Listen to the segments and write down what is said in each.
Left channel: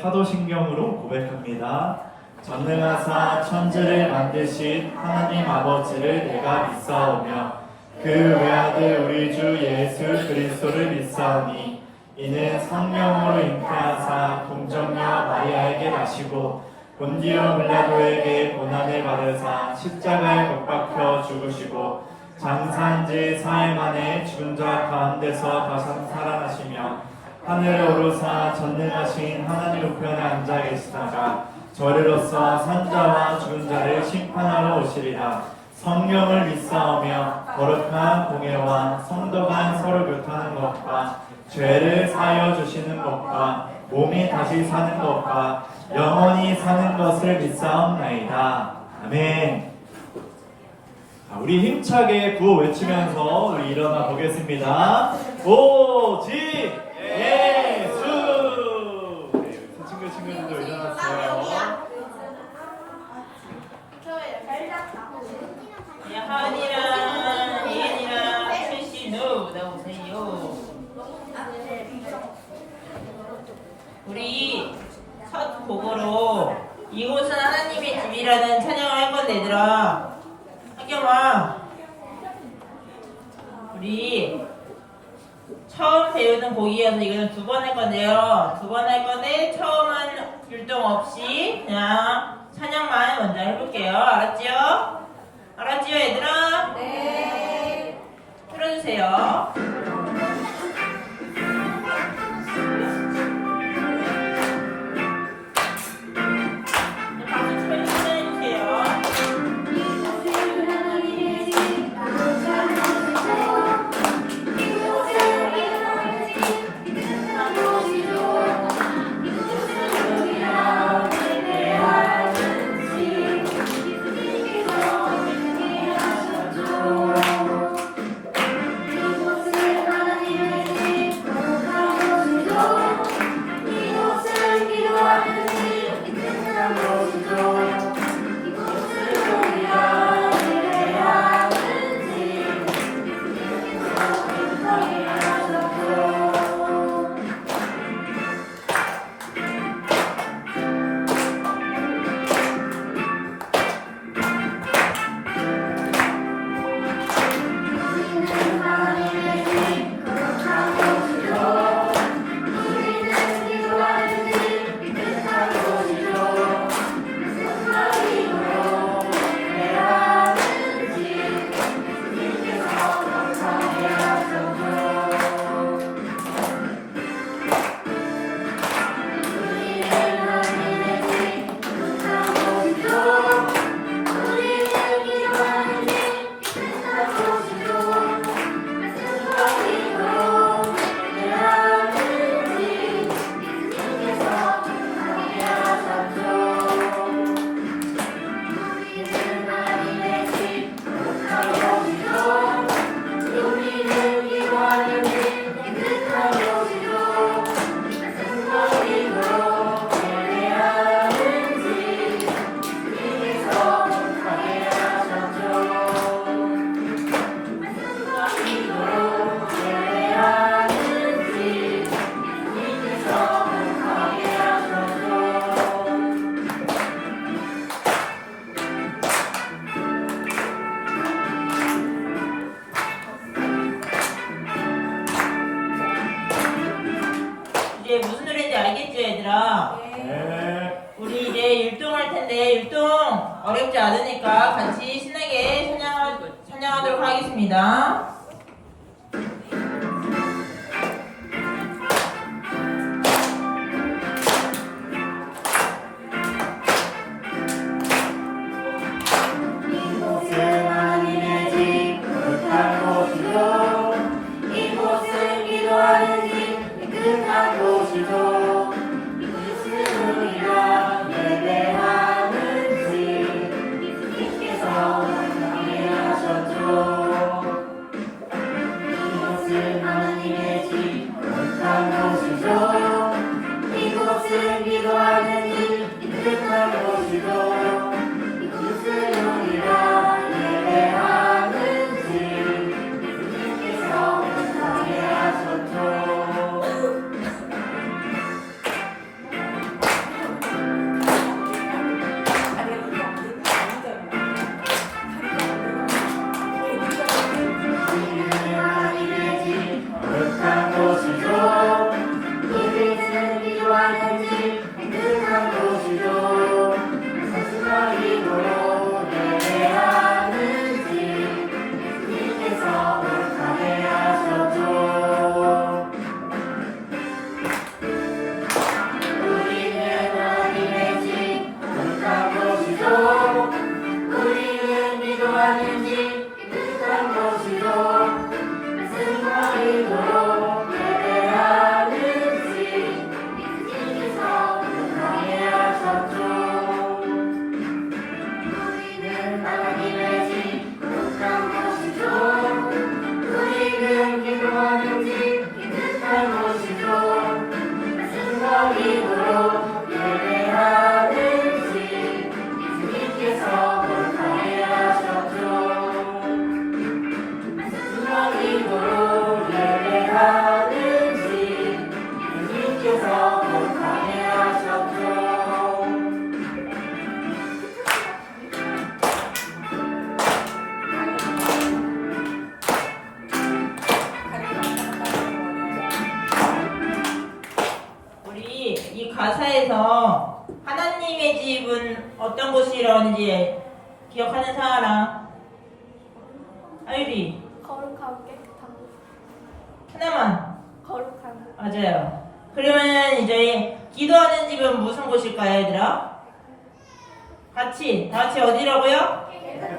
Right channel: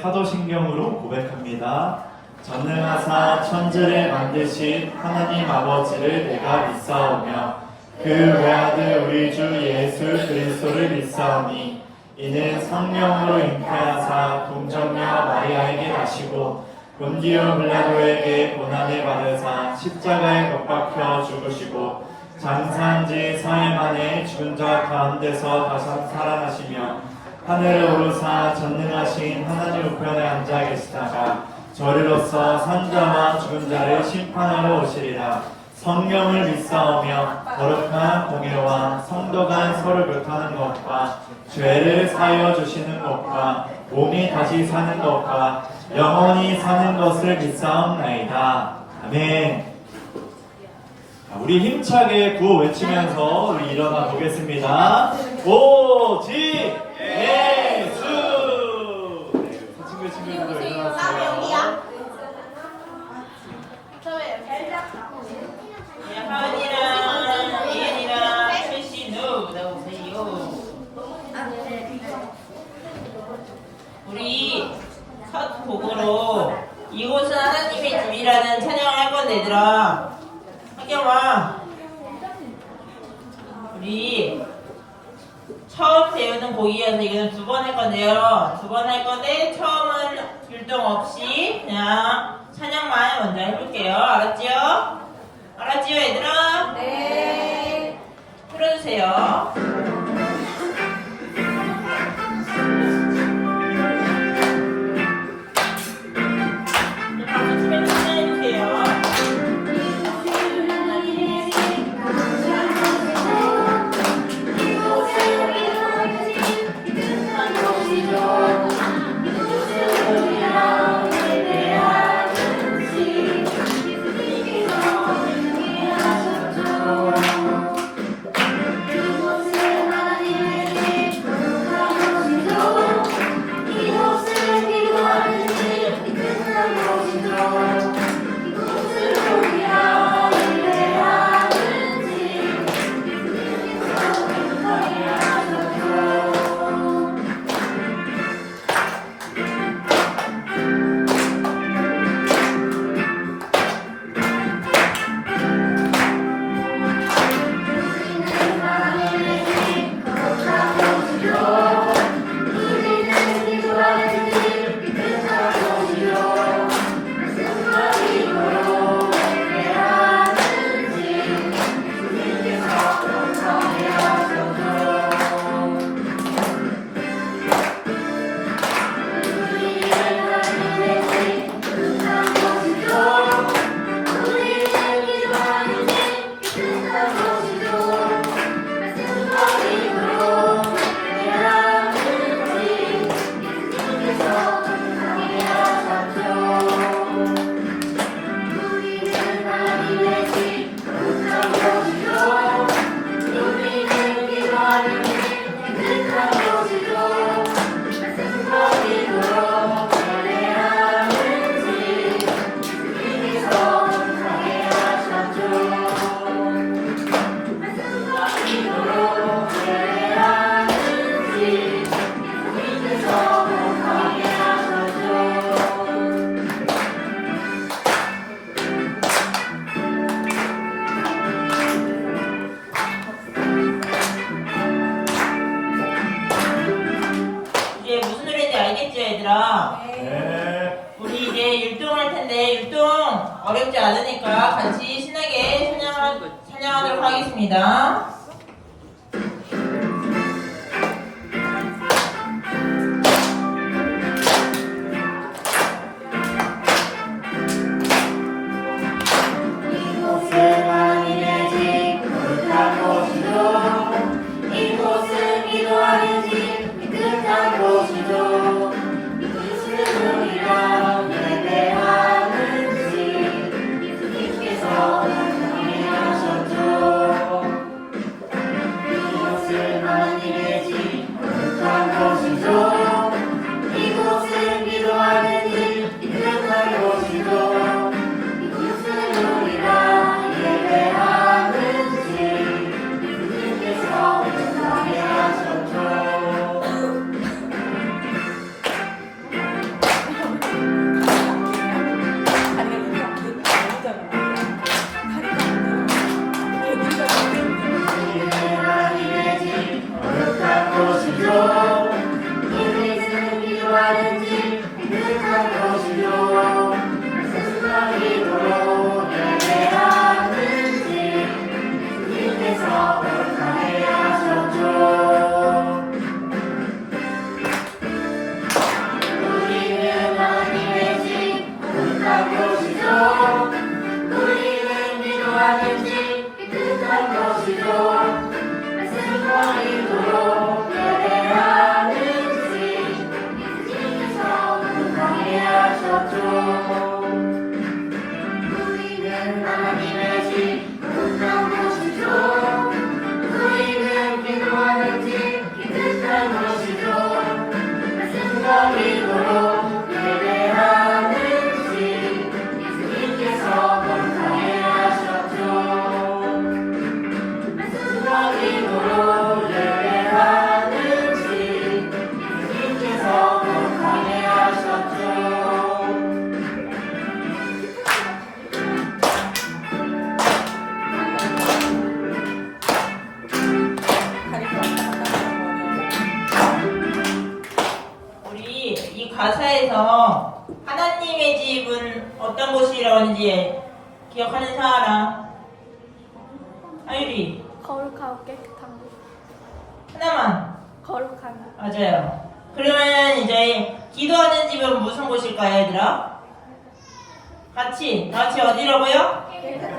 사도신경으로 고백합니다. 전능하사 천지를 만드신 하나님 아버지를 내가 믿사오며 그 외아들 우리 주 예수 그리스도를 믿사오니 이는 성령으로 잉태하사 동정녀 마리아에게 나시고 본디오 빌라도에게 고난을 받으사 십자가에 못 박혀 죽으시고 장사한 지 4일 만에 죽은 자 가운데서 다시 살아나시며 하늘에 오르사 전능하신 하나님 우편에 앉아 계시다가 저리로서 산자와 죽은 자를 심판하러 오시리라. 성령을 믿사오며 거룩한 공예와 성도 간 서로 교통하는 것과 죄를 사하여 주시는 것과 몸이 다시 사는 것과 영원히 사는 것을 믿사옵나이다. 아멘. 우리 힘차게 구호 외치면서 우리 일어나 보겠습니다. 오직 예수! 네, 친구들도 일어나세요. 하은이랑 이은이랑 최신우 나오세요. 우리 첫 곡으로 이곳은 하나님의 집이라는 찬양을 할 건데 얘들아 학경아 우리 처음 배우는 곡이어서 이거는 2번 할 건데요. 2번 할 건데 처음은 율동 없이 그냥 찬양만 먼저 해볼게요. 알았지요? 알았지요 얘들아? 네. 틀어주세요. 박수 치면서 찬양해주세요. 이제 무슨 노래인지 알겠죠 얘들아? 네. 우리 이제 율동할 텐데 율동 어렵지 않으니까 같이 신나게 찬양하도록 하겠습니다. 집 깨끗한 곳이요 세상이도록 예배하는 집 예수님께서 거룩하게 하셨죠. 우리는 하나님의 집 거룩한 곳이요 우리는 기도하는 집 깨끗한 곳이요 말씀과 인도로 예배하는 집 예수님께서 거룩하게 하셨죠. 우리는 하나님의 집 거룩한 곳이죠 우리는 기도하는 집 깨끗한 곳이죠 말씀과 인도로 예배하는 집 예수님께서 거룩하게 하셨죠. 말씀과 인도로 예배하는 집 예수님께서 거룩하게 하셨죠. 우리 이 가사에서 하나님의 집은 어떤 곳이라고 하는지 기억하는 사람? 하율이 거룩하고 깨끗한 곳. 하나만. 거룩한 곳. 맞아요. 그러면 이제 기도하는 집은 무슨 곳일까요, 얘들아? 다 같이 어디라고요?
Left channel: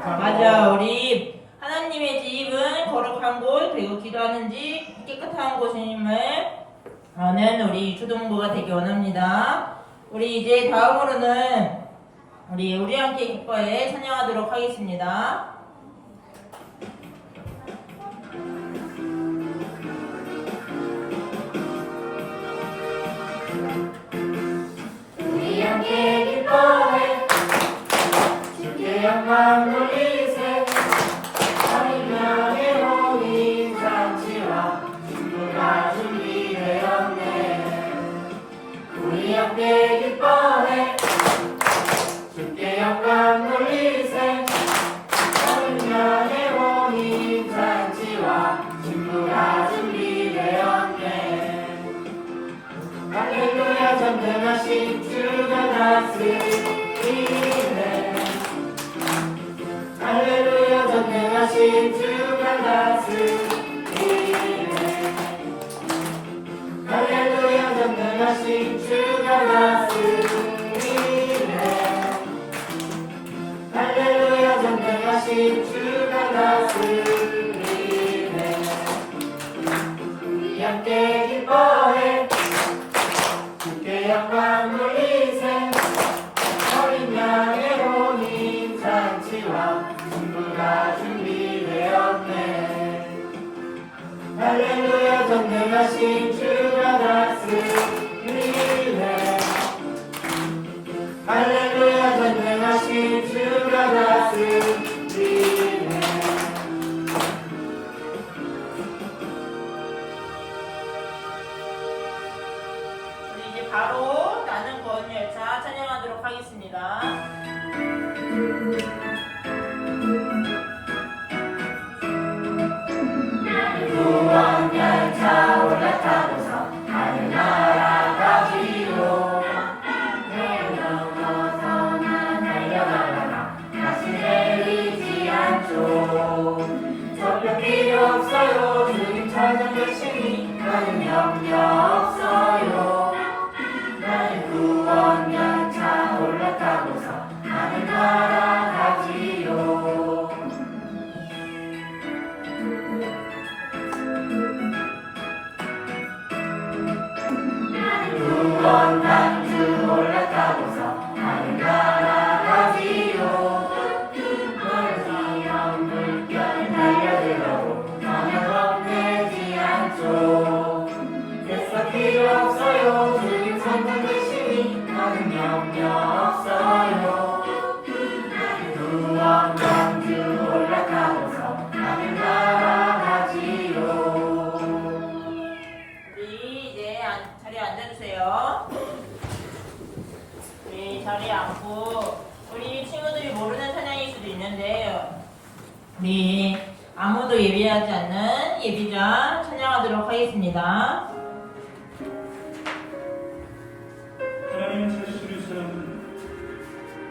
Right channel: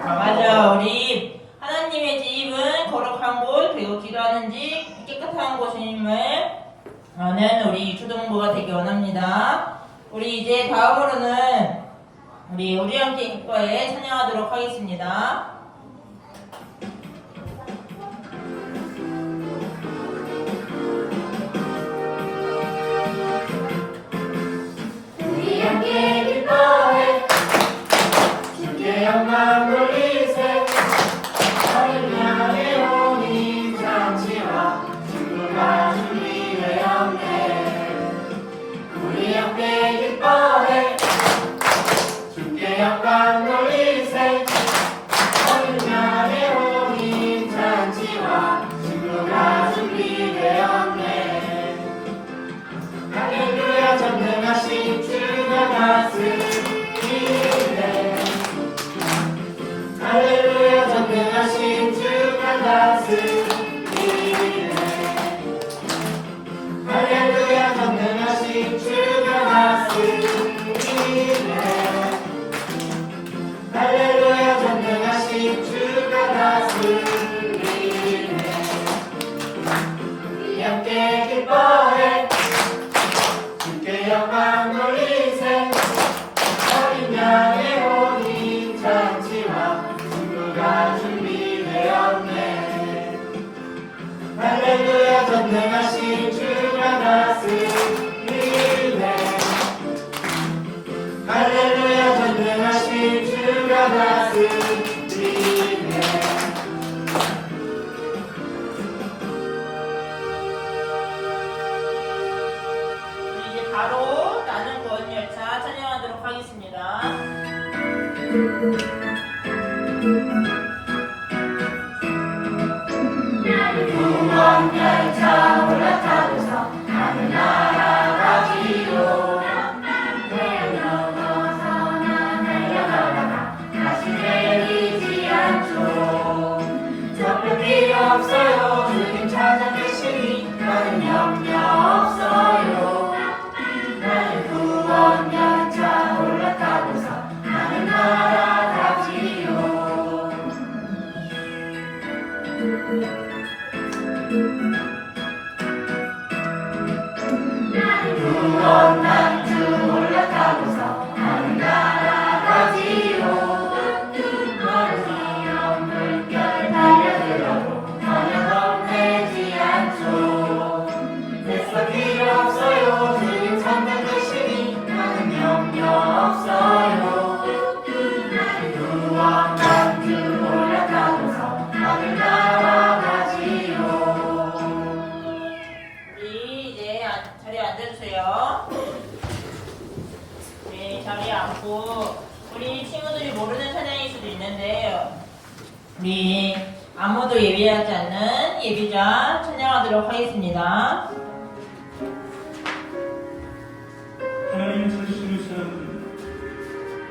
맞아. 우리 하나님의 집은 거룩한 곳, 그리고 기도하는 집, 깨끗한 곳임을 아는 우리 초등부가 되기 원합니다. 우리 이제 다음으로는 우리 함께 기뻐해 찬양하도록 하겠습니다. 우리 함께 기뻐해 주께 영광 돌리세 하늘나라의 온인 잔치와 친구가 준비되었네. 우리 함께 기뻐해 주께 영광 돌리세 하늘나라의 온인 잔치와 친구가 준비되었네. 할렐루야 전능하신 주가 다스리네. 할렐루야 전능하신 주가 다스리네. 할렐루야 전능하신 주가 다스리네. 할렐루야 전능하신 주가 다스리네. 우리 함께 기뻐해 주께 영광 돌리세 어린 양의 혼인 잔치와 친구가 준비되었네. 할렐루야 전능하신 주가 다스리네. 할렐루야 전능하신 주가 다스리네. 우리 이제 바로 나는 구원 열차 찬양하도록 하겠습니다. 구원 열차 올라타고서 하늘나라 가지요. 태양 넘어서 난 달려가다가 다시 내리지 않죠. 저별 필요 없어요. 주님 찾아 계시니 나는 염려 없어요. 나는 구원 열차 올라타고서 하늘나라 가지요. 구원 난주 올라타고서 하늘나라 가지요. 어려운 물결을 달려들어도 너는 겁내지 않죠. 됐어 필요 없어요. 주님 선택 되시니 나는 염려 없어요. 구원 난주 올라타고서 하늘나라 가지요. 우리 이제 자리에 앉아주세요. 우리 자리에 앉고 우리 친구들이 모르는 찬양일 수도 있는데 우리 아무도 예비하지 않는 예비자 찬양하도록 하겠습니다. 하나님의 자신을 사랑하는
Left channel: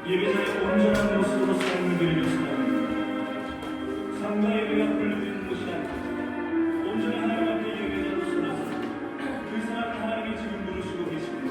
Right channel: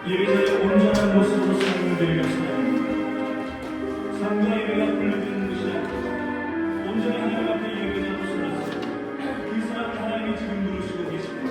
예배자의 온전한 모습으로 삶을 드리며 사랑합니다. 삶과 예배가 분리되는 것이 아니라 온전히 하나님 앞에 예배자로 서서 그 사람을 하나님이 지금 부르시고 계십니다.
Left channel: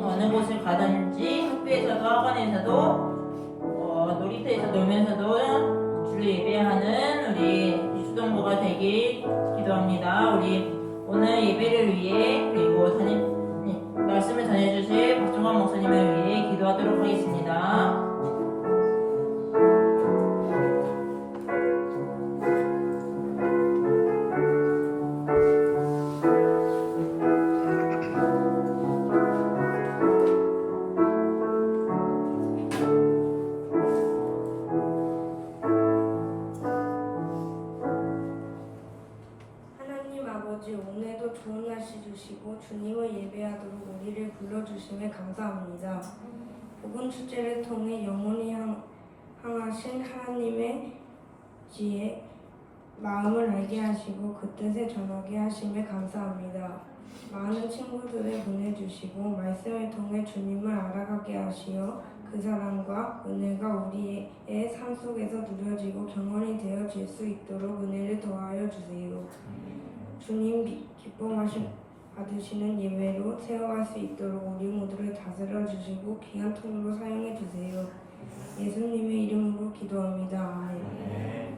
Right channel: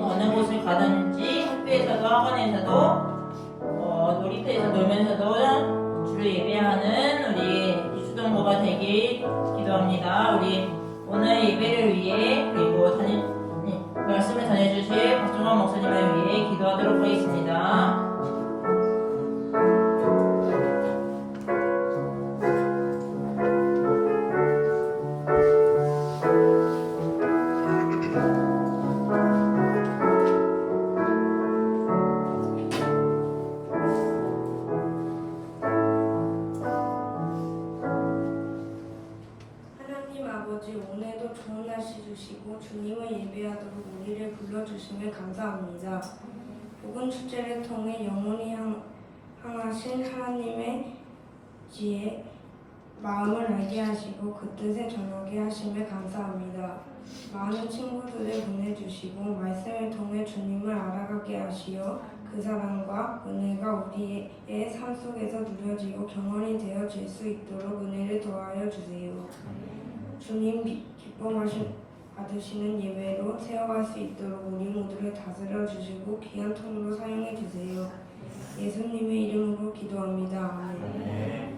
어느 곳을 가든지 학교에서도 학원에서도 놀이터에서 놀면서도 주를 예배하는 우리 이수동부가 되길 기도합니다. 우리 오늘 예배를 위해 그리고 말씀을 전해주실 박종환 목사님을 위해 기도하도록 하겠습니다. 하나님 아버지, 오늘도 좋은 날씨 보내주시고 주님을 예배하도록 우리를 불러주심에 감사합니다. 복음 축제를 통해 영원히 향하신 하나님의 지혜 마음을 알게 하시고 그 뜻에 전하게 하심에 감사합니다. 많은 친구들을 보내주시고 말씀을 통해 주님을 알아가게 하시어 그 사랑과 은혜가 우리의 삶 속에서 누려지고 경험이 되어질 수 있도록 은혜를 더하여 주세요. 주님 기뻐 받으시는 예배로 세워갈 수 있도록 우리 모두를 다스려 주시고 귀한 통으로 사용해 주세요. 예수님의 이름으로 기도합니다. 아멘. 네.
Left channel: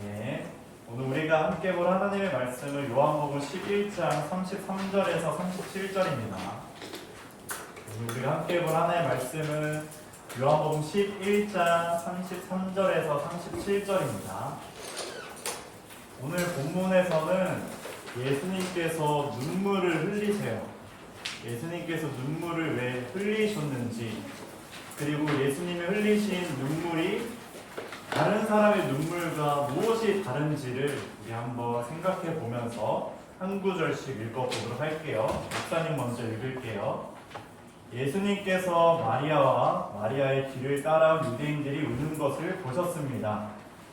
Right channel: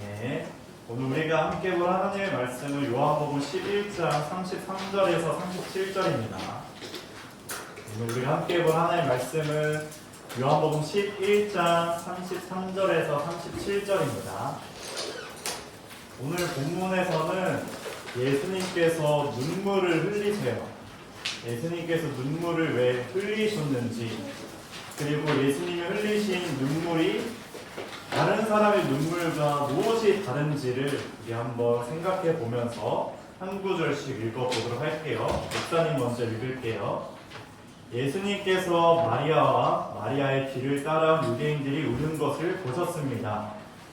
네. 오늘 우리가 함께 볼 하나님의 말씀은 요한복음 11장 33절에서 37절입니다. 오늘 우리가 함께 볼 하나님의 말씀은 요한복음 11장 33절에서 37절입니다. 오늘 본문에서는 예수님께서 눈물을 흘리세요. 예수님께서 눈물을 왜 흘리셨는지, 그리고 예수님이 흘리신 눈물이 다른 사람의 눈물과 무엇이 다른지를 우리 한번 생각해 보면서 한 구절씩 읽어보도록 할게요. 목사님 먼저 읽을게요. 예수님께서 마리아와 마리아의 뒤를 따라 유대인들이 우는 것을 보셨습니다.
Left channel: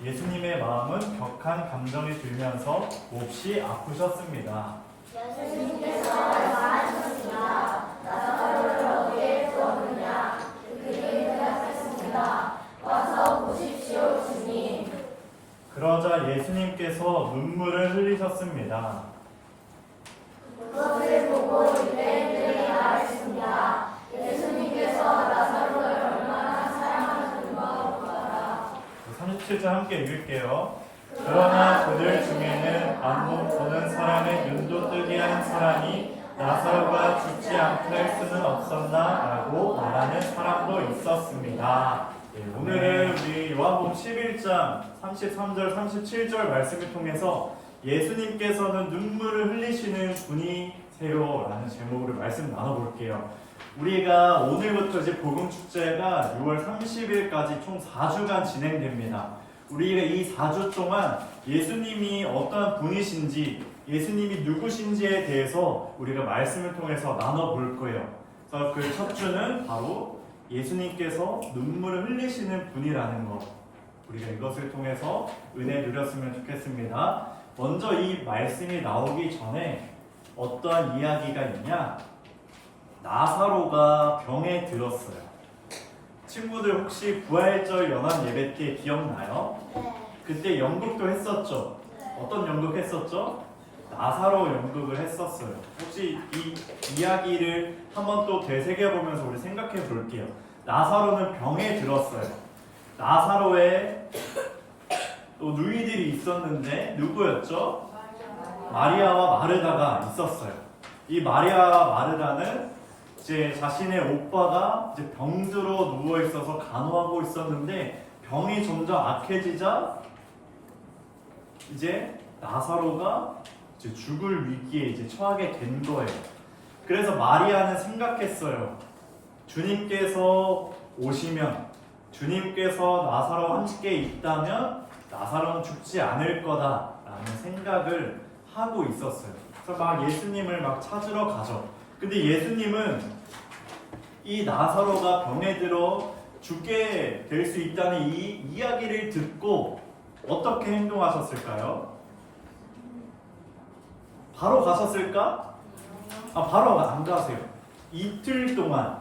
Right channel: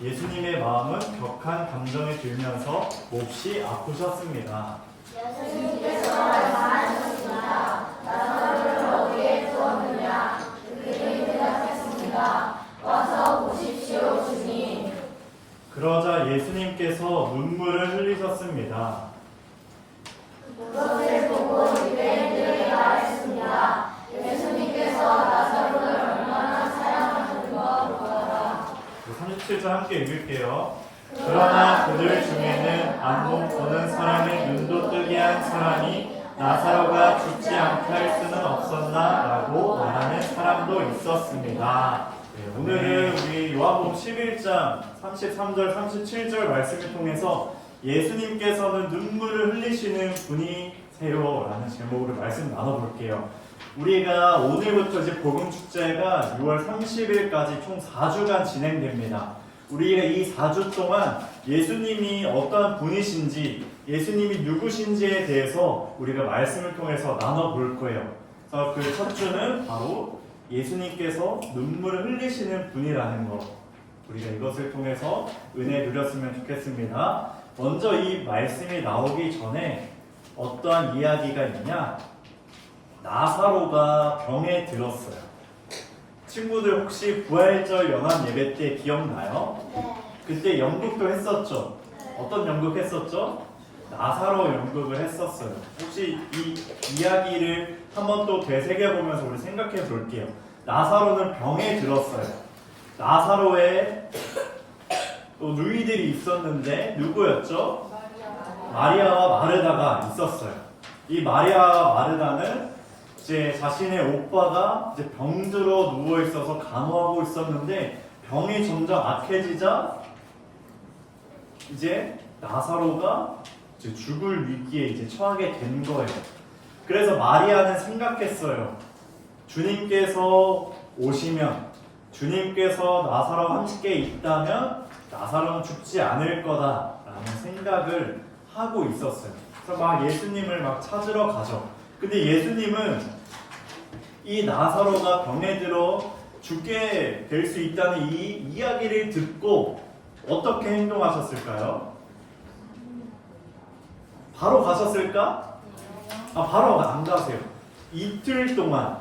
예수님의 마음은 격한 감정이 들면서 몹시 아프셨습니다. 예수님께서 말씀하셨습니다. 나사로를 어디에 두었느냐? 그들이 대답했습니다. 와서 보십시오, 주님. 그러자 예수님께서 눈물을 흘리셨습니다. 그것을 보고 유대인들이 말했습니다. 예수님께서 나사로를 얼마나 사랑하셨는가 보아라. 37절 함께 읽을게요. 그러나 그들 중에는 안 보는 사람의 눈도 뜨게 한 사람이 나사로가 죽지 않게 할 수는 없었나? 라고 말하는 사람도 있었습니다. 네, 오늘은 우리 요한복음 11장 33절 37절 말씀을 통해서 예수님께서는 눈물을 흘리시는 분이세요 라는 제목으로 말씀 나눠볼게요. 우리가 오늘부터 이제 복음축제가 6월 30일까지 총 4주간 진행됩니다. 우리가 이 4주 동안 예수님이 어떠한 분이신지, 예수님이 누구신지에 대해서 우리가 말씀을 통해서 나눠볼 거예요. 그래서 그 첫 주는 바로 예수님께서 눈물을 흘리시는 분이라는 것, 우리가 이것을 통해서 은혜 누렸으면 좋겠습니다. 먼저 이 말씀이 나오기 전에 어떠한 이야기가 있냐? 나사로가 병에 들었어요. 친구들 혹시 부활절 연합 예배 때 기억나요? 네. 그때 연극도 했었죠? 어떤 연극 했었죠? 나사로 연극을 했었어요. 혹시 이 이야기를 한번 또 되새겨보면서 우리 생각해 볼게요. 나사로는 병에 들었어요. 나사로에 또 누이들이 있었는데 누구였죠? 마리아와 마르다가 있었어요. 이 마리아와 마르다는 이제 자신의 오빠가 이제 병들어 누워 있어서 간호하고 있었는데 병이 점점 악해지자 이제 나사로가 이제 죽을 위기에 이제 처하게 된 거예요. 그래서 마리아는 생각했어요. 주님께서 오시면, 주님께서 나사로와 함께 있다면 나사로는 죽지 않을 거다라는 생각을 하고 있었어요. 그래서 막 예수님을 막 찾으러 가죠. 근데 예수님은 이 나사로가 병에 들어 죽게 될 수 있다는 이 이야기를 듣고 어떻게 행동하셨을까요? 바로 가셨을까? 바로 안 가세요. 이틀 동안,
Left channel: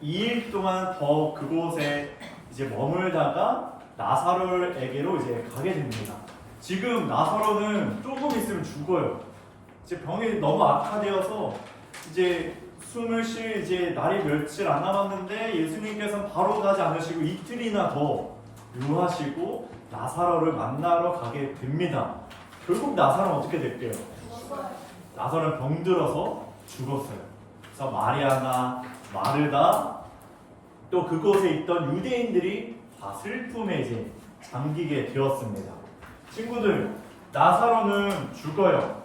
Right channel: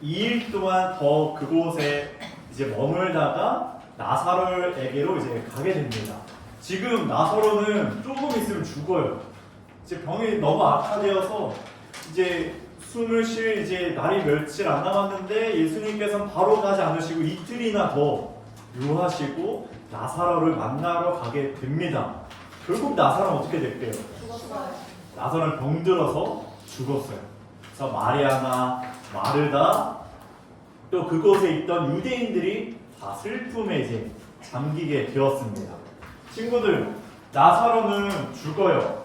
2일 동안 더 그곳에 이제 머물다가 나사로에게로 이제 가게 됩니다. 지금 나사로는 조금 있으면 죽어요. 이제 병이 너무 악화되어서 이제 숨을 쉴 이제 날이 며칠 안 남았는데 예수님께서는 바로 가지 않으시고 이틀이나 더 유하시고 나사로를 만나러 가게 됩니다. 결국 나사로는 어떻게 될게요? 나사로는 병들어서 죽었어요. 그래서 마리아나 마르다 또 그곳에 있던 유대인들이 다 슬픔에 이제 잠기게 되었습니다. 친구들, 나사로는 죽어요.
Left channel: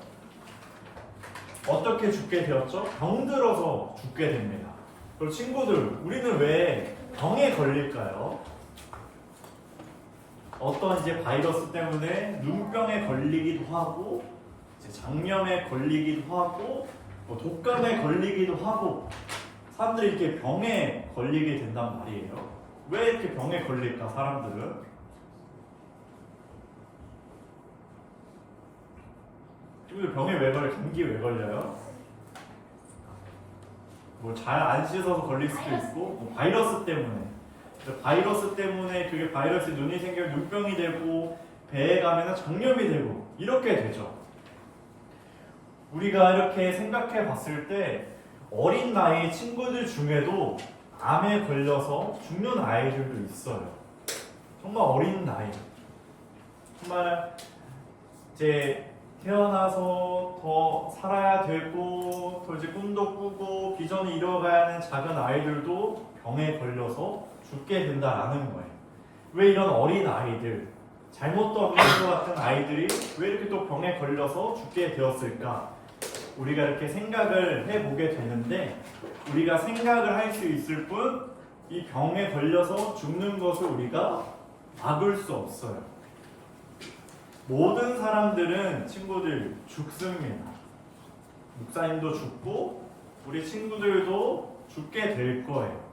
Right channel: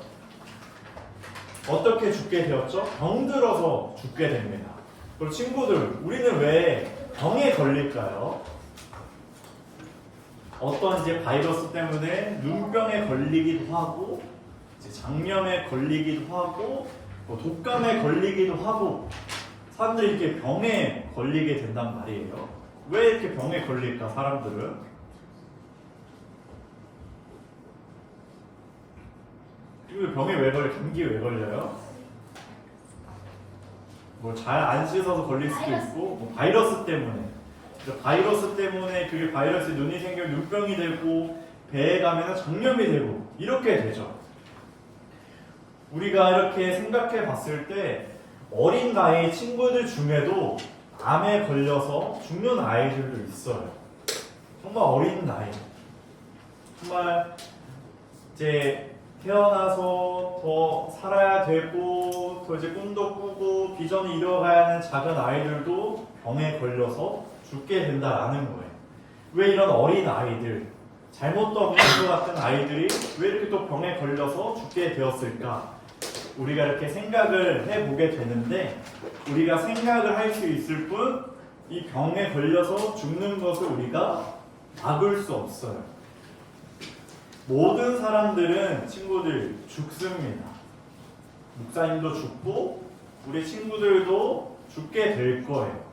어떻게 죽게 되었죠? 병들어서 죽게 됩니다. 그리고 친구들, 우리는 왜 병에 걸릴까요? 어떤 이제 바이러스 때문에 눈병에 걸리기도 하고, 이제 장염에 걸리기도 하고, 뭐 독감에 걸리기도 하고, 사람들이 이렇게 병에 걸리게 된단 말이에요. 왜 이렇게 병에 걸릴까, 사람들은? 그리고 병에 왜 걸려? 감기에 왜 걸려요? 뭐 잘 안 씻어서 걸릴 수도 있고, 뭐 바이러스 때문에. 바이러스 때문에 그게 바이러스에 눈이 생겨 눈병이 되고, 배에 가면 장염이 되고, 이렇게 되죠. 우리가 이렇게 생각해 봤을 때 어린 나이 친구들 중에도 암에 걸려서 죽는 아이들도 있어요. 정말 어린 나이. 정말 이제 태어나서 더 살아야 되고, 더 이제 꿈도 꾸고 비전을 이뤄가야 하는 작은 아이들도 병에 걸려서 죽게 된다라는 거예요. 왜 이런 어린 아이들, 잘못도 없는 것 같은 아이들이 왜 이렇게 또 병에 걸려서 죽게 되었을까? 우리가 이렇게 생각을 해보게 되는데, 우리가 생각을 할 수 있을 뿐 이 병에 걸려서 죽는 것을 우리가 막을 수 없어요. 모든 사람들은 친구들 죽습니다. 목사님도 죽고 우리 친구들도 죽게 될 거예요.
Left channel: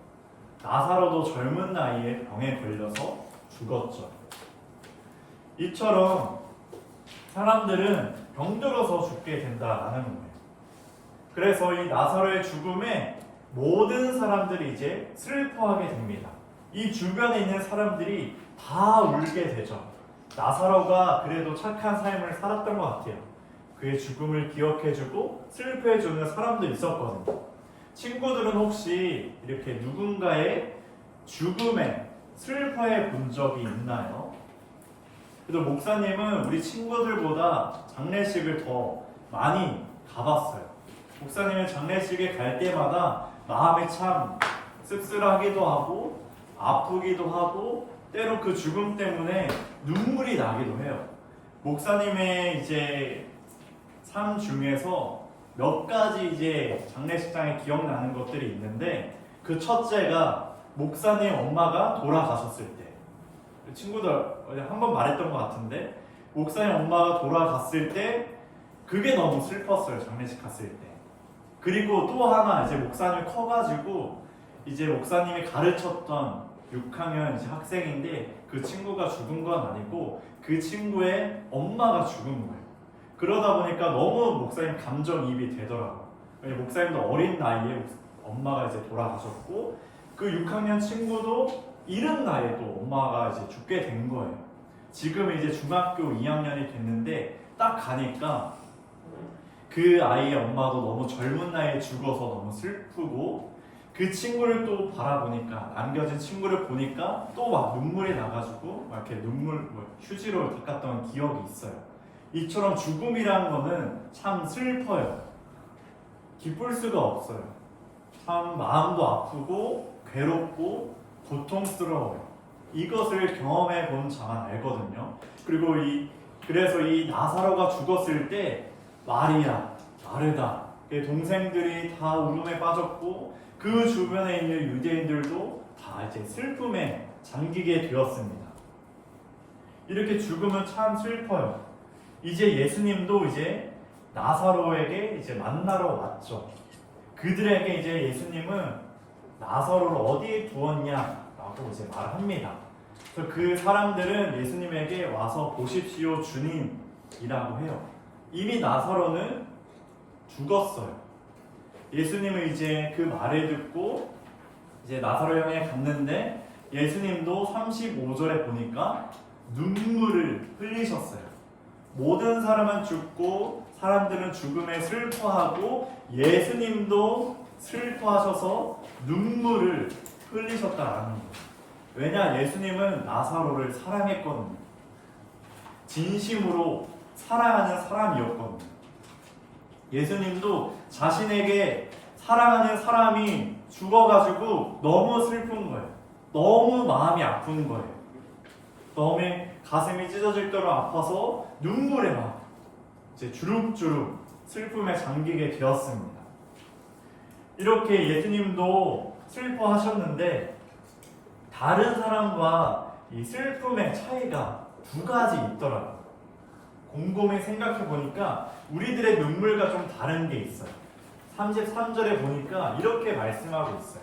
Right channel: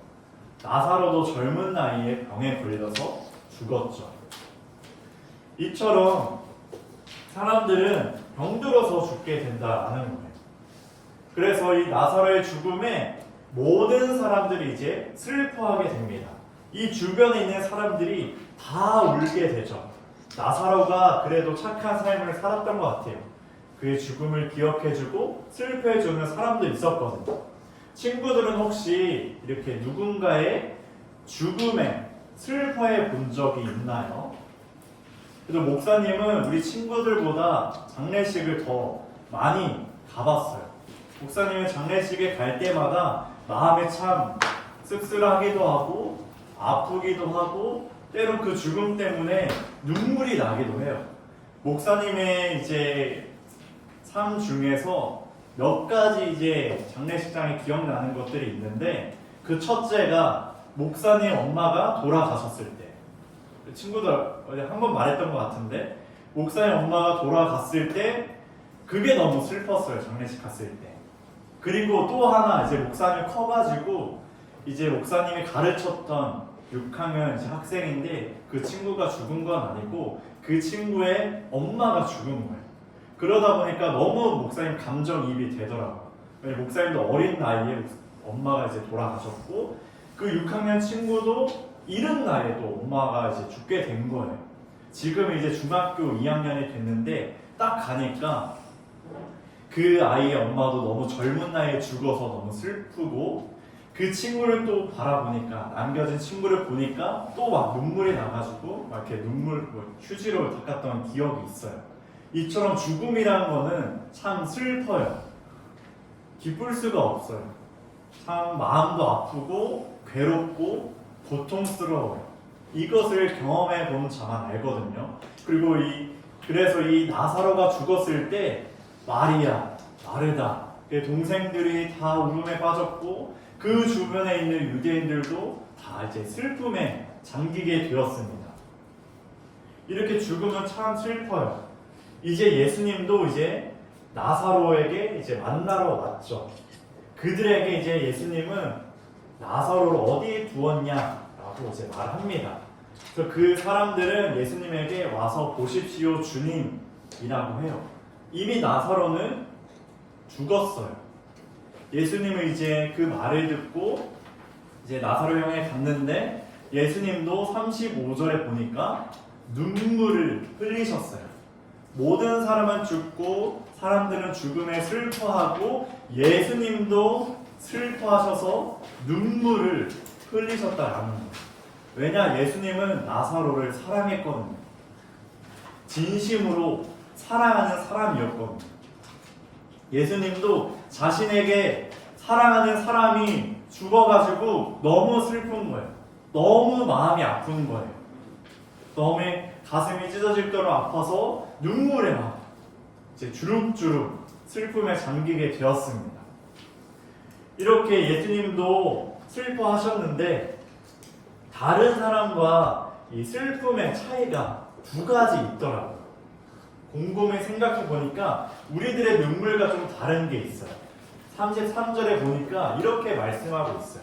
나사로도 젊은 나이에 병에 걸려서 죽었죠. 이처럼 사람들은 병들어서 죽게 된다는 거예요. 그래서 이 나사로의 죽음에 모든 사람들이 이제 슬퍼하게 됩니다. 이 주변에 있는 사람들이 다 울게 되죠. 나사로가 그래도 착한 삶을 살았던 것 같아요. 그의 죽음을 기억해주고 슬퍼해주는 사람도 있었거든요. 친구들은 혹시 이렇게 누군가의 죽음에 슬퍼해 본 적이 있나요? 그래도 목사님은 우리 친구들보다 장례식을 더 많이 가봤어요. 목사님은 장례식에 갈 때마다 마음이 참 씁쓸하기도 하고 아프기도 하고 때로 그 죽음 때문에 눈물이 나기도 해요. 목사님의 이제 삶 중에서 몇 가지 이제 장례식장에 기억나는 것들이 있는데, 그 첫째가 목사님 엄마가 돌아가셨을 때, 친구들 한 번 말했던 것 같은데, 목사님 엄마가 돌아갔을 때 그게 너무 슬펐어요. 장례식 갔을 때. 그리고 또 하나, 이제 목사님이 커가지고 이제 목사님이 가르쳤던 6학년 이제 학생인데, 그 친구가 죽은 건 아니고 그 친구의 엄마가 죽은 거예요. 그러다 보니까 너무 목사님 감정이입이 되더라고요. 목사님도 어린 나이에 엄마가 이제 돌아가셨고, 그 6학년 친구도 이른 나이에 또 엄마가 이제 죽게 된 거예요. 지금 이제 중학교 2학년이 됐는데 딱 가니까 그 아이의 엄마도 너무 젊은 나이에 죽어서 너무 슬프고, 그 친구를 또 바라보니까, 남겨진 친구를 보니까 또 막 눈물이 나가지고 막 이렇게 눈물 휴지로 닦았던 기억이 있어요. 이처럼 죽음이란 거는 참 슬퍼요. 기쁠 수가 없어요. 참 마음도 아프고 괴롭고 고통스러워요. 이것을 경험해 본 자만 알거든요. 그리고 그래서 이 나사로가 죽었을 때 마리아, 마르다, 그의 동생들이 다 울음에 빠졌고, 그 주변에 있는 유대인들도 다 이제 슬픔에 잠기게 되었습니다. 이렇게 죽으면 참 슬퍼요. 이제 예수님도 이제 나사로에게 이제 만나러 왔죠. 그들에게 이제 예수님은 나사로를 어디에 두었냐라고 이제 말합니다. 그래서 그 사람들은 예수님에게 와서 보십시오 주님이라고 해요. 이미 나사로는 죽었어요. 예수님은 이제 그 말을 듣고 이제 나사로 형에 갔는데, 예수님도 35절에 보니까 눈물을 흘리셨어요. 모든 사람은 죽고 사람들은 죽음에 슬퍼하고 예수님도 슬퍼하셔서 눈물을 흘리셨다라는 거예요. 왜냐? 예수님은 나사로를 사랑했거든요. 진심으로 사랑하는 사람이었거든요. 예수님도 자신에게 사랑하는 사람이 죽어가지고 너무 슬픈 거예요. 너무 마음이 아픈 거예요. 너무 가슴이 찢어질 대로 아파서 눈물에 막 이제 주룩주룩 슬픔에 잠기게 되었습니다. 이렇게 예수님도 슬퍼하셨는데 다른 사람과 이 슬픔의 차이가 두 가지 있더라고요. 곰곰이 생각해 보니까 우리들의 눈물과 좀 다른 게 있어요. 33절에 보니까 이렇게 말씀하고 있어요.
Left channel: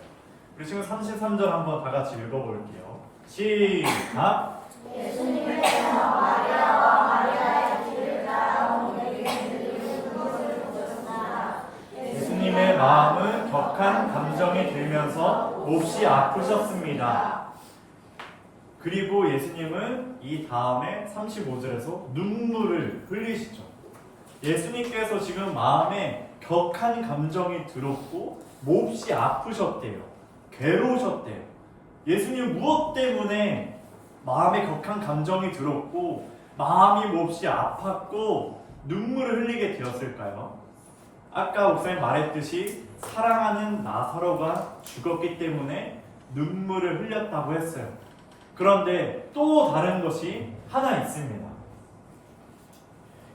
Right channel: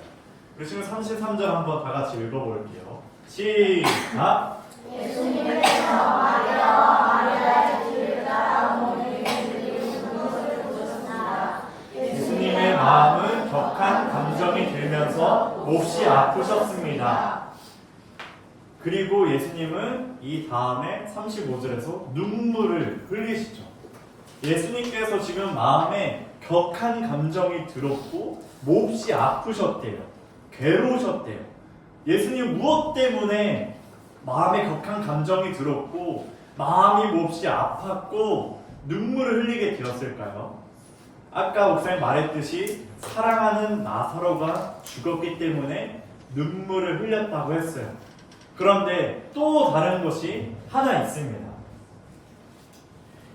우리 지금 33절 한번 다 같이 읽어볼게요. 시작! 예수님께서 마리아와 마리아의 뒤를 따라 오는 예수님을 보셨습니다. 예수님의 마음은 격한 감정이 들면서 몹시 아프셨습니다. 그리고 예수님은 이 다음에 35절에서 눈물을 흘리시죠. 예수님께서 지금 마음에 격한 감정이 들었고 몹시 아프셨대요. 괴로우셨대요. 예수님 무엇 때문에 마음에 격한 감정이 들었고 마음이 몹시 아팠고 눈물을 흘리게 되었을까요? 아까 목사님 말했듯이 사랑하는 나사로가 죽었기 때문에 눈물을 흘렸다고 했어요. 그런데 또 다른 것이 하나 있습니다.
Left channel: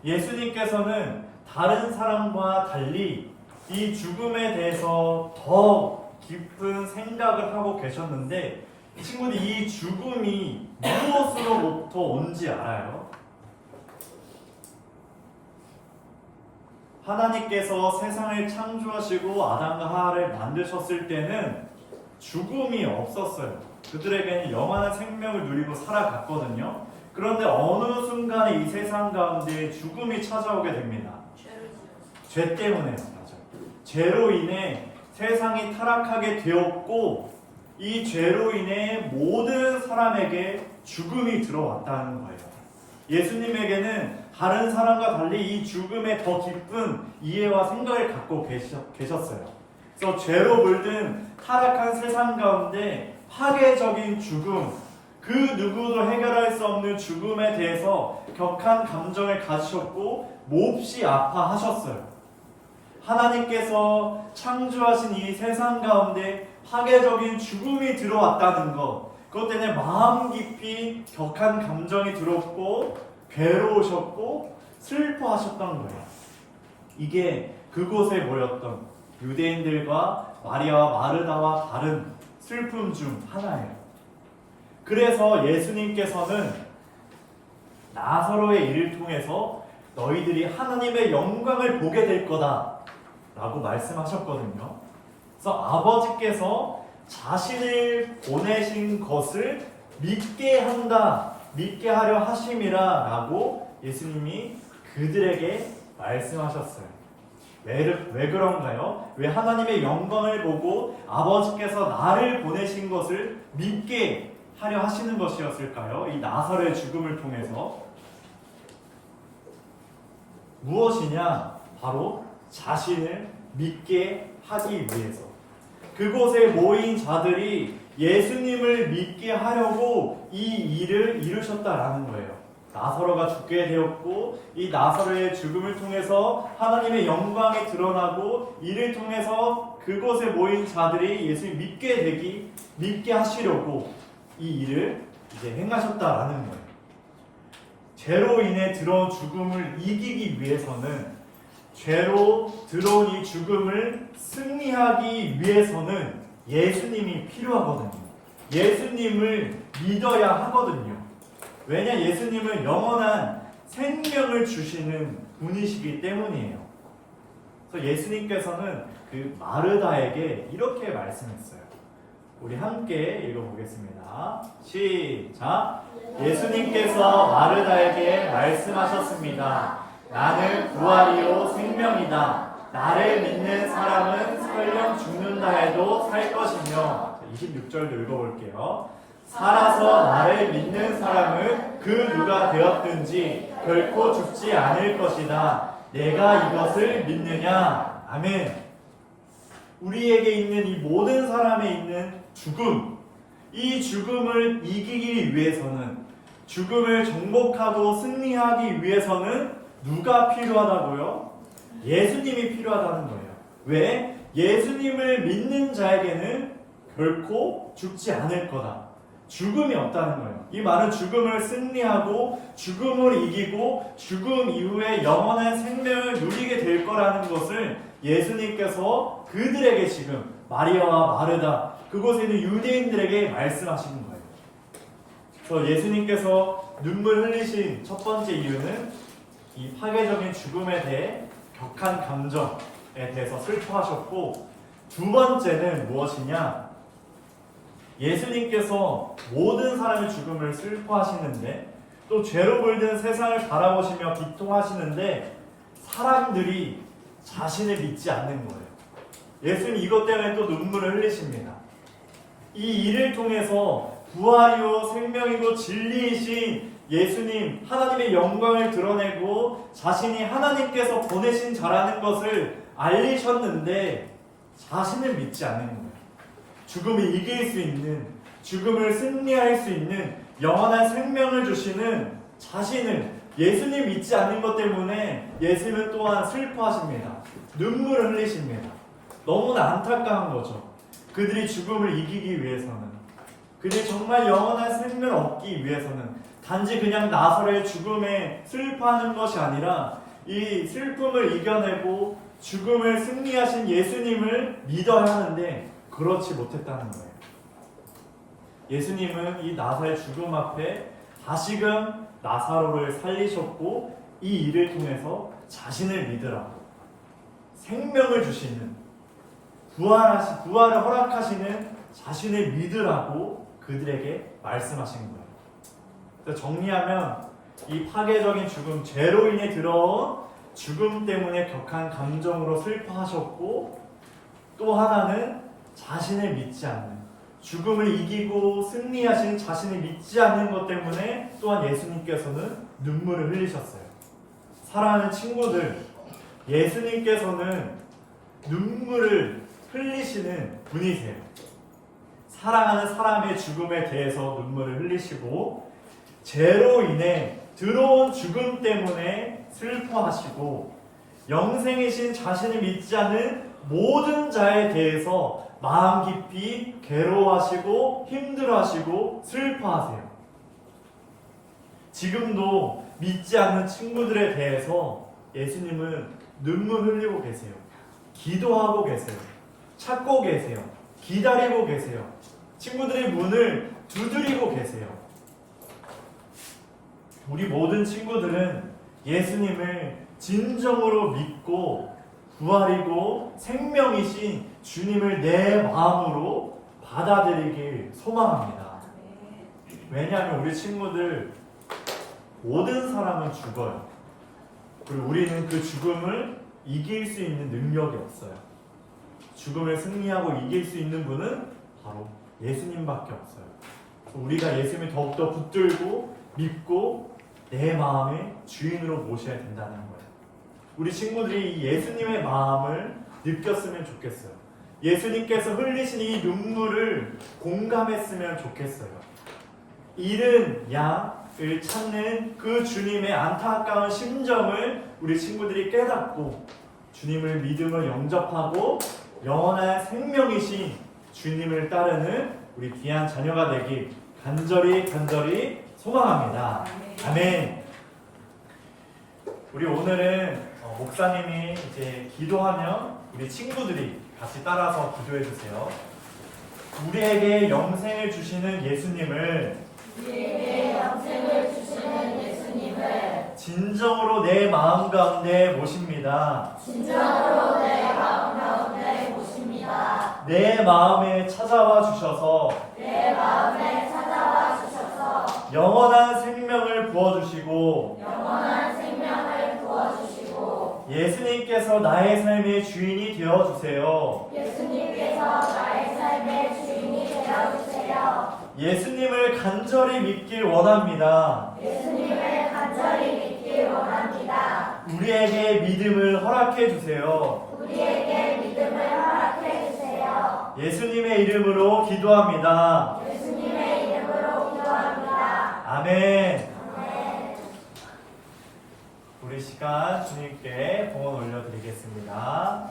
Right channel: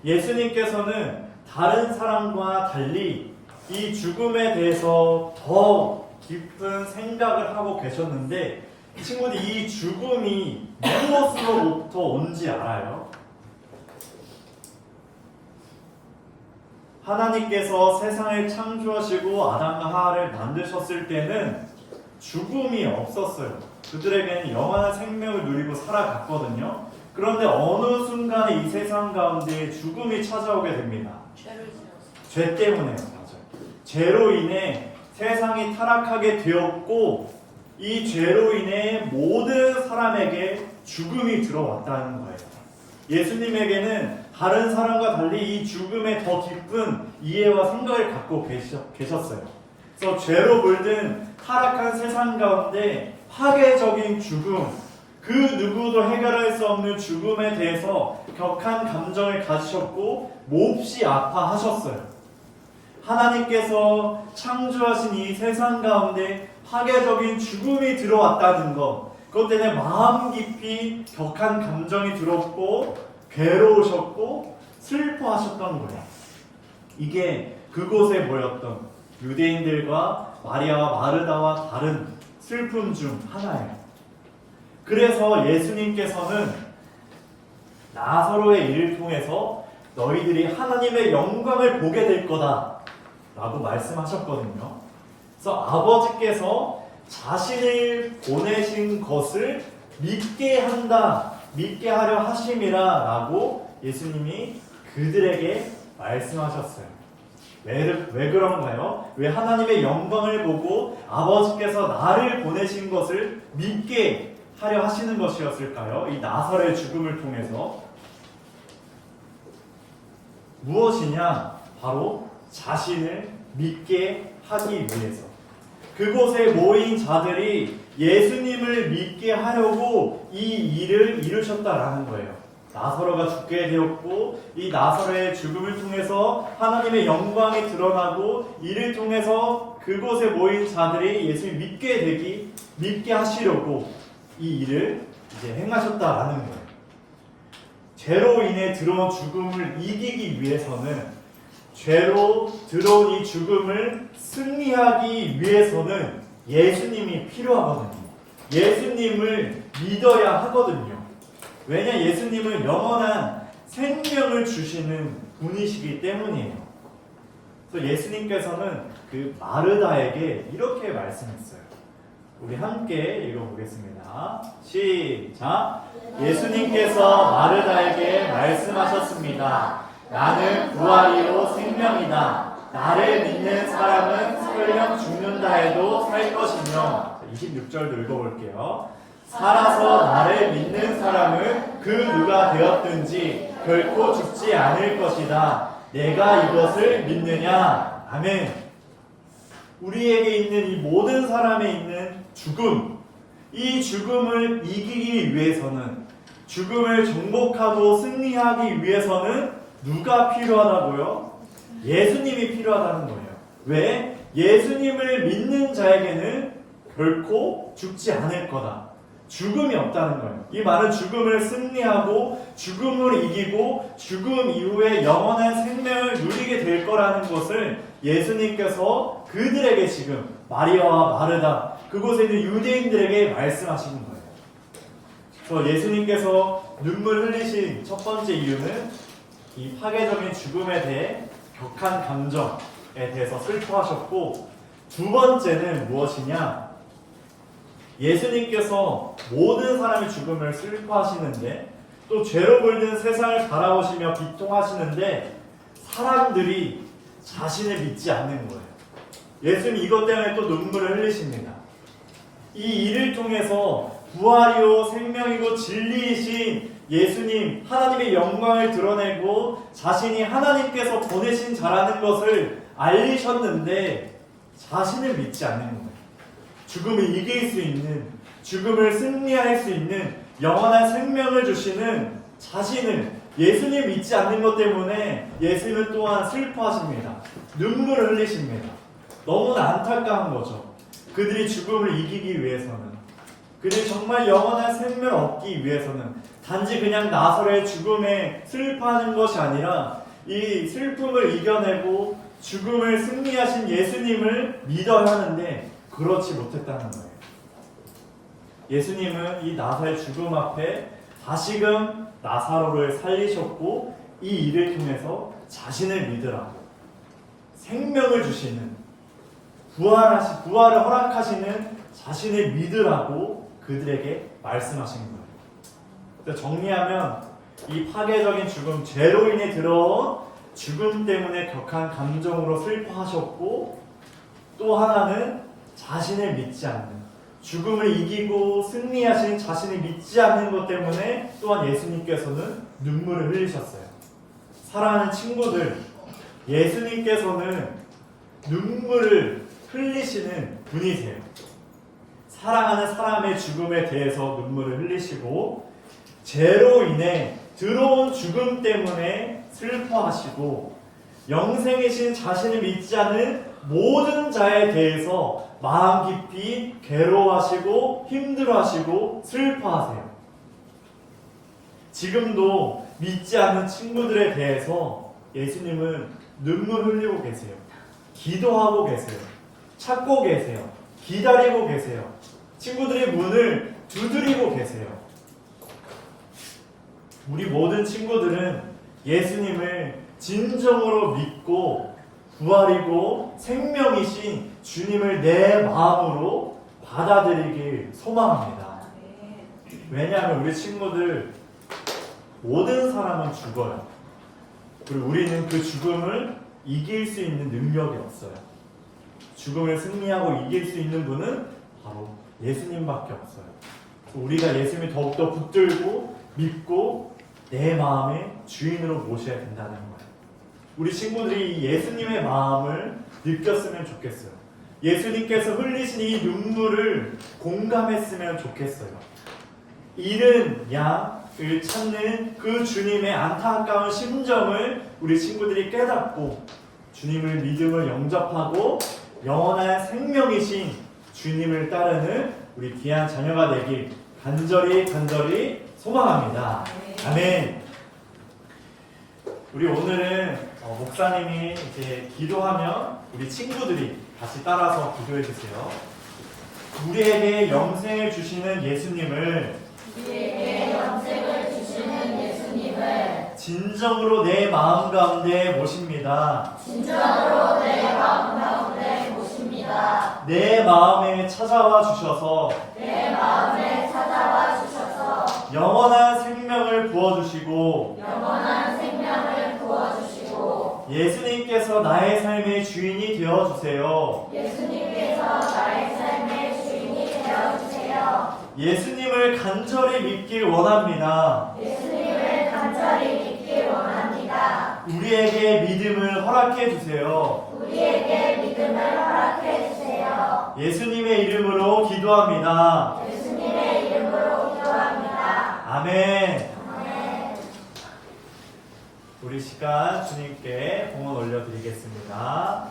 예수님께서는 다른 사람과 달리 이 죽음에 대해서 더 깊은 생각을 하고 계셨는데 친구들 이 죽음이 무엇으로부터 온지 알아요? 하나님께서 세상을 창조하시고 아담과 하와를 만드셨을 때는 죽음이 없었어요. 그들에게는 영원한 생명을 누리고 살아갔거든요. 그런데 어느 순간에 이 세상 가운데 죽음이 찾아오게 됩니다. 죄 때문에 맞아요. 죄로 인해 세상이 타락하게 되었고 이 죄로 인해 모든 사람에게 죽음이 들어왔다는 거예요. 예수님에게는 다른 사람과 달리 이 죽음에 더 깊은 이해와 생각을 갖고 계셨어요. 그래서 죄로 물든 타락한 세상 가운데 파괴적인 죽음, 그 누구도 해결할 수 없는 죽음에 대해서 격한 감정을 가지셨고 몹시 아파하셨어요. 하나님께서 창조하신 이 세상 가운데 파괴적인 죽음이 들어왔다는 것, 그것 때문에 마음 깊이 격한 감정이 들었고 괴로우셨고 슬퍼하셨던 거예요. 이게 그곳에 모였던 유대인들과 마리아와 마르다와 다른 슬픔 중 하나예요. 그래서 예수님께서는 나사로의 일을 통해서 너희들이 하나님의 영광을 보게 될 거다 라고 말씀하셨거든요. 그래서 아버지께서 자신을 보내신 것을 믿게 한다, 믿게 하려 하심이라 라고 예수님이 그들에게 말씀하셨어요. 왜 그런가요? 왜 하나님의 영광을 보고 아버지께서 나를 보내신 것을 믿게 하려 하시는 것이었을까요? 이 나사로의 죽음을 통해서 무엇이냐? 바로 자신을 믿게 하기 위해서. 그곳에 모인 자들이 예수님을 믿게 하려고 이 일을 이루셨다라는 거예요. 나사로가 죽게 되었고 이 나사로의 죽음을 통해서 하나님의 영광이 드러나고 이를 통해서 그곳에 모인 자들이 예수님 믿게 하시려고 이 일을 이제 행하셨다라는 거예요. 죄로 인해 들어온 죽음을 이기기 위해서는, 죄로 들어온 이 죽음을 승리하기 위해서는 예수님이 필요하거든요. 예수님을 믿어야 하거든요. 왜냐? 예수님은 영원한 생명을 주시는 분이시기 때문이에요. 그래서 예수님께서는 그 마르다에게 이렇게 말씀했어요. 우리 함께 읽어보겠습니다. 시작! 예수님께서 마르다에게 말씀하셨습니다. 나는 부활이요 생명이다. 나를 믿는 사람은 설령 죽는다 해도 살 것이며, 26절도 읽어볼게요. 살아서 나를 믿는 사람은 그 누가 되었든지 결코 죽지 않을 것이다. 내가 이것을 믿느냐? 아멘. 우리에게 있는 이 모든 사람에 있는 죽음, 이 죽음을 이기기 위해서는, 죽음을 정복하고 승리하기 위해서는 누가 필요하다고요? 예수님이 필요하다는 거예요. 왜? 예수님을 믿는 자에게는 결코 죽지 않을 거다. 죽음이 없다는 거예요. 이 말은 죽음을 승리하고 죽음을 이기고 죽음 이후에 영원한 생명을 누리게 될 거라는 것을 예수님께서 그들에게 지금 마리아와 마르다 그곳에 있는 유대인들에게 말씀하신 거예요. 그래서 예수님께서 눈물 흘리신 첫 번째 이유는 이 파괴적인 죽음에 대해 격한 감정에 대해서 슬퍼하셨고, 두 번째는 무엇이냐? 예수님께서 모든 사람의 죽음을 슬퍼하시는데 또 죄로 물든 세상을 바라보시며 비통하시는데 사람들이 자신을 믿지 않는 거예요. 예수님 이것 때문에 또 눈물을 흘리십니다. 이 일을 통해서 부활이요 생명이고 진리이신 예수님, 하나님의 영광을 드러내고 자신이 하나님께서 보내신 자라는 것을 알리셨는데 자신을 믿지 않는 거예요. 죽음을 이길 수 있는, 죽음을 승리할 수 있는 영원한 생명을 주시는 자신을, 예수님 믿지 않는 것 때문에 예수님은 또한 슬퍼하십니다. 눈물을 흘리십니다. 너무나 안타까운 거죠. 그들이 죽음을 이기기 위해서는, 그들이 정말 영원한 생명을 얻기 위해서는 단지 그냥 나사로의 죽음에 슬퍼하는 것이 아니라 이 슬픔을 이겨내고 죽음을 승리하신 예수님을 믿어야 하는데 그렇지 못했다는 거예요. 예수님은 이 나사로의 죽음 앞에 다시금 나사로를 살리셨고 이 일을 통해서 자신을 믿으라고, 생명을 주시는, 부활을 허락하시는 자신을 믿으라고 그들에게 말씀하신 거예요. 정리하면 이 파괴적인 죽음, 죄로 인해 들어온 죽음 때문에 격한 감정으로 슬퍼하셨고, 또 하나는 자신을 믿지 않는, 죽음을 이기고 승리하신 자신을 믿지 않는 것 때문에 또한 예수님께서는 눈물을 흘리셨어요. 사랑하는 친구들, 예수님께서는 눈물을 흘리시는 분이세요. 사랑하는 사람의 죽음에 대해서 눈물을 흘리시고, 죄로 인해 들어온 죽음 때문에 슬퍼하시고, 영생이신 자신을 믿지 않는 모든 자에 대해서 마음 깊이 괴로워하시고 힘들어하시고 슬퍼하세요. 지금도 믿지 않는 친구들에 대해서 예수님은 눈물 흘리고 계세요. 기도하고 계세요. 찾고 계세요. 기다리고 계세요. 친구들의 문을 두드리고 계세요. 우리 모든 친구들은 예수님을 진정으로 믿고 부활이고 생명이신 주님을 내 마음으로 받아들이길 소망합니다. 왜냐하면 우리 친구들 모든 사람은 죽어요. 그리고 우리는 그 죽음을 이길 수 있는 능력이 없어요. 죽음을 승리하고 이길 수 있는 분은 바로 예수님밖에 없어요. 우리가 예수님을 더욱더 붙들고 믿고 내 마음의 주인으로 모셔야 된다는 거예요. 우리 친구들이 이 예수님의 마음을 느꼈으면 좋겠어요. 예수님께서 흘리신 이 눈물을 공감했으면 좋겠어요. 잃은 양을 찾는 그 주님의 안타까운 심정을 우리 친구들이 깨닫고 주님을 믿음을 영접하고 영원한 생명이신 주님을 따르는 우리 귀한 자녀가 되길 간절히 소망합니다. 아멘. 우리 오늘은 목사님이 이제 기도하면 우리 친구들이 같이 따라서 기도해 주세요. 우리에게 영생을 주시는 예수님을 진정으로 내 마음 가운데 모십니다. 내 마음에 찾아와 주셔서 영원한 생명을 부어주시고 예수님께서 나의 삶의 주인이 되어주세요. 예수님을 간절히 믿길 원합니다. 우리에게 믿음을 허락해 주세요. 예수님의 이름으로 기도합니다. 아멘. 우리 시간 주님께 봉헌 올려드리겠습니다.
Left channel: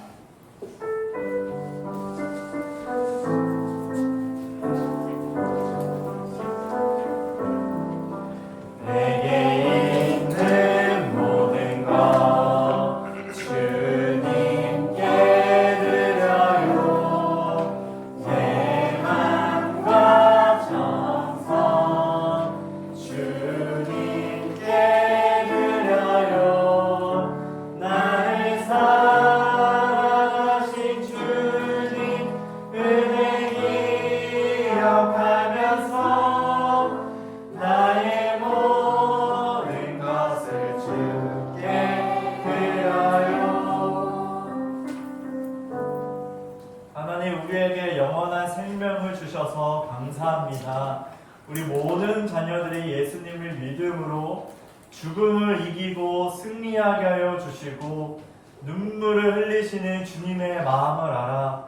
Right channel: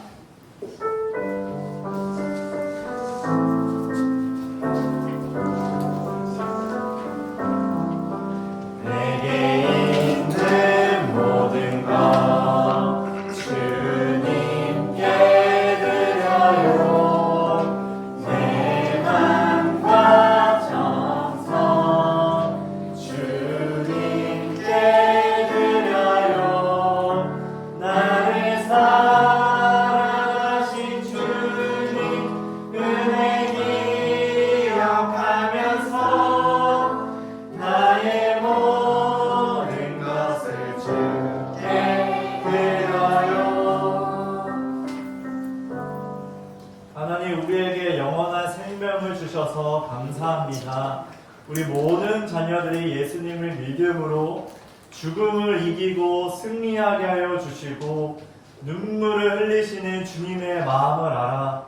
우리에게 영원한 생명을 주셔서 감사합니다. 우리 모든 자녀들이 예수님을 믿음으로 죽음을 이기고 승리하게 하여 주시고 눈물을 흘리시는 주님의 마음을 알아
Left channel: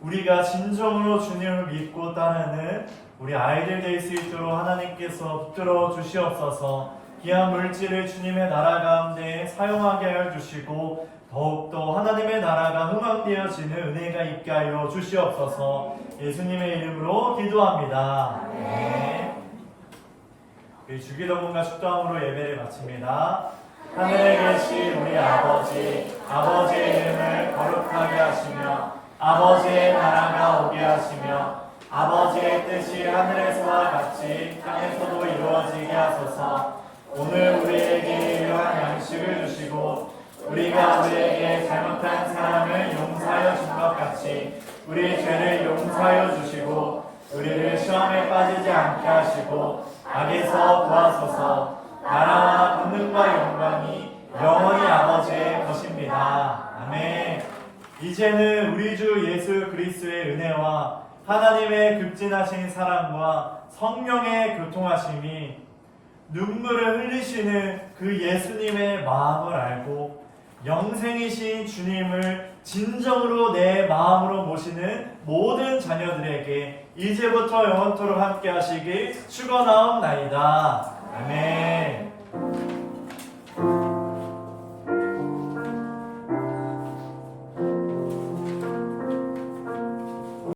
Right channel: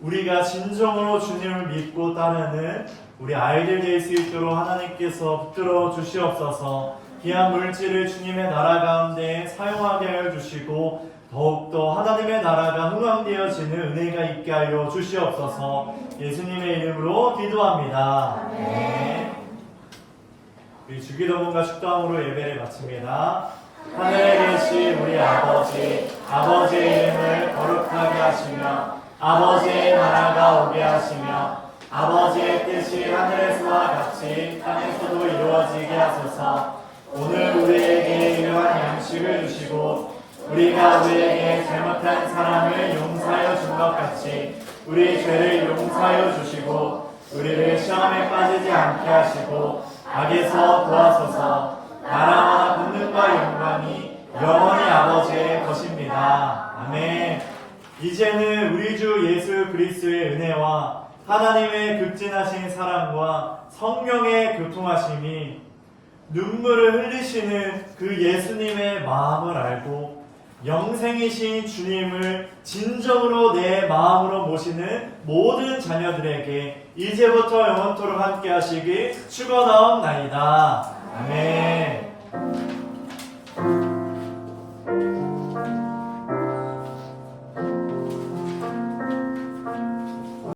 우리가 진정으로 주님을 믿고 따르는 우리 아이들 될 수 있도록 하나님께서 붙들어 주시옵소서. 귀한 물질을 주님의 나라 가운데 사용하게 하여 주시고 더욱더 하나님의 나라가 흥왕되어지는 은혜가 있게 하여 주시옵소서. 예수님의 이름으로 기도합니다. 네. 우리 주기도문과 축도함으로 예배를 마칩니다. 하늘에 계신 우리 아버지, 아버지의 이름을 거룩하게 하시며 아버지의 나라가 오게 하시며 아버지의 뜻이 하늘에서와 같이 땅에서도 이루어지게 하소서. 오늘 우리에게 일용할 양식을 주시고 우리가 우리에게 잘못한 사람을 용서하여 준 것 같이 우리 죄를 용서하여 주시고 우리를 시험에 빠지지 않게 하시고 악에서 도와소서. 나라와 권능과 영광이 영원히 아버지의 것입니다. 아멘. 이제는 우리 주 예수 그리스도의 은혜와 하나님의 극진하신 사랑과 성령의 교통하심이 눈물을 흘리시는 그 예수님의 마음을 알고 영생이신 주님을 진정으로 내 마음으로 모시는 모든 자녀들에게 이제부터 영원토록 함께 하시길 축원하옵나이다. 아멘.